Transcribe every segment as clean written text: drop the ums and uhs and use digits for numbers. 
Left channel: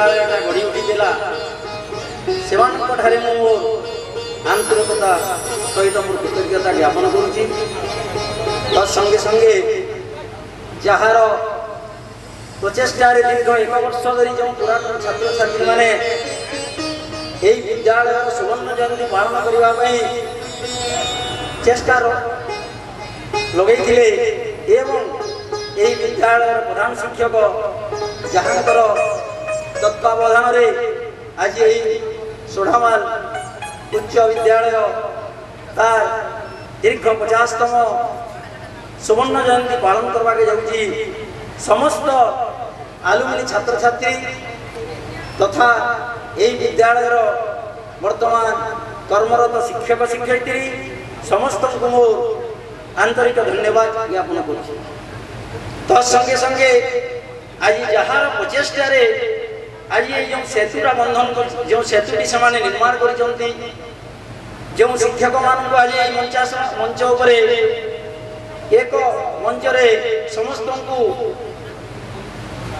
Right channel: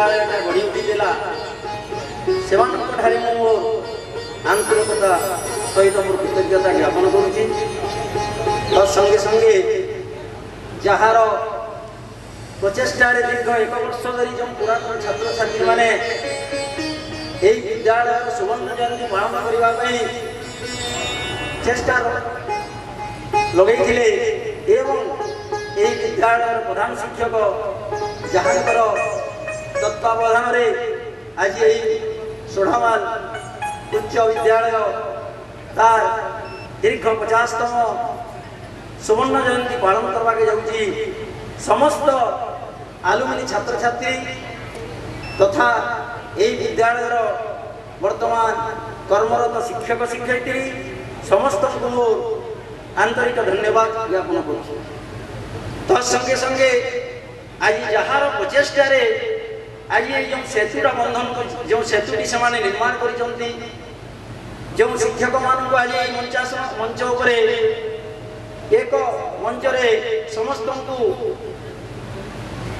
विद्यालय गढ़ी उठीला से आंतरिकता सहित मोर कृतज्ञता ज्ञापन करुँची। तत्संगे संगे जार प्रचेषा दीर्घ 1 वर्ष धरी जो पुरातन छात्र छात्री मैंने विद्यालय सुवर्ण जयंती पालन करने चेष्टा लगे विद्यालय प्रधान शिक्षक जहाँकर तत्वावधान आज सोढ़ामाल उच्च विद्यालय तार दीर्घ 50तम सुवर्ण जयंती पालन करवाके जाऊँगी। समस्त आलुमिनी छात्र छात्री तथा यही विद्यालय वर्तमान कर्मरत शिक्षक शिक्षयित्री समस्त को मोर आंतरिक धन्यवाद ज्ञापन करुँ। तत्संगे संगे आज जार प्रचेषा आज ये जो सेतुटा बंधन जो सेतुटी से निर्माण कर शिक्षक मान आज मंच उपरे एक मंच समस्त को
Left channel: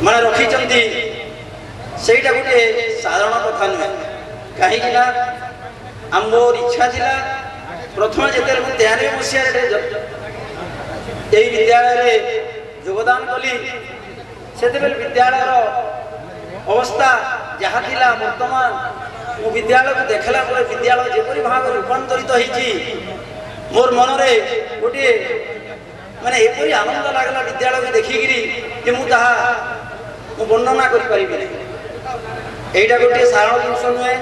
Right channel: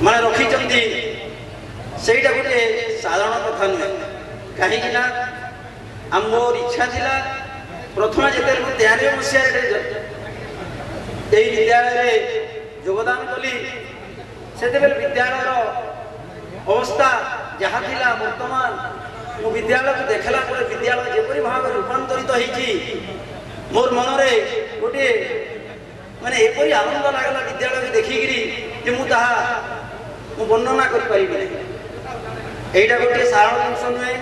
माने रखी सेटा गोटे साधारण कथा नुहे कहीं मोर इच्छा थिला प्रथम जिते 93 मसीह विद्यालय योगदान कली से विद्यालय अवस्था जहाँ थिला वर्तमान मो विद्यालय को देखला पर विद्यालय जेपरी भाव रूपांतरित होती मोर मन में गोटे माने एपरी आनंद लगला विद्यालय को देखिकी मुझे वर्णना करें यहीटा गोटे साधारण जिनस नुहे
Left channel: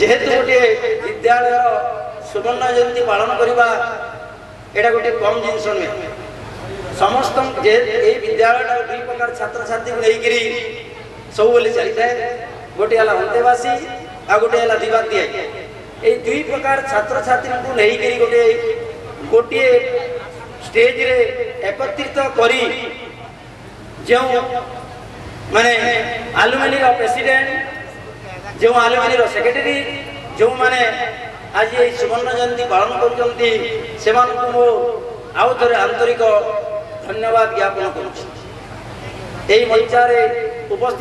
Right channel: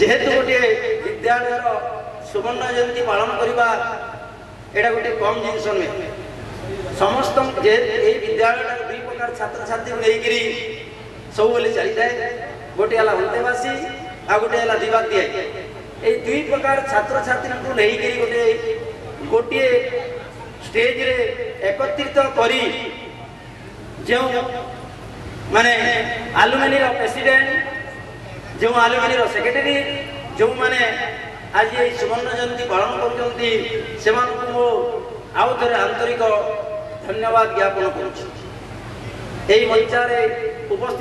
जेहेतु गोटे विद्यालय सुवर्ण जयंती पालन करवा यहाँ गोटे कम जिनस नुहे समस्त विद्यालय 2 प्रकार छात्र छात्री नहीं सब चली थाए गोटे है अंतेवासी आ गोटे है दिवातिया ये 2 प्रकार छात्र छात्री को नहीं गोटे गोटे स्टेज रे एकत्रित करी जो माने आलुमिनी प्रेसिडेंट जो आलुमिनी सेक्रेटरी जो माने आज ये सुवर्ण जयंती पालन कर आउ थे आंतरिक धन्यवाद ज्ञापन करुँच। मंचारे उपस्थित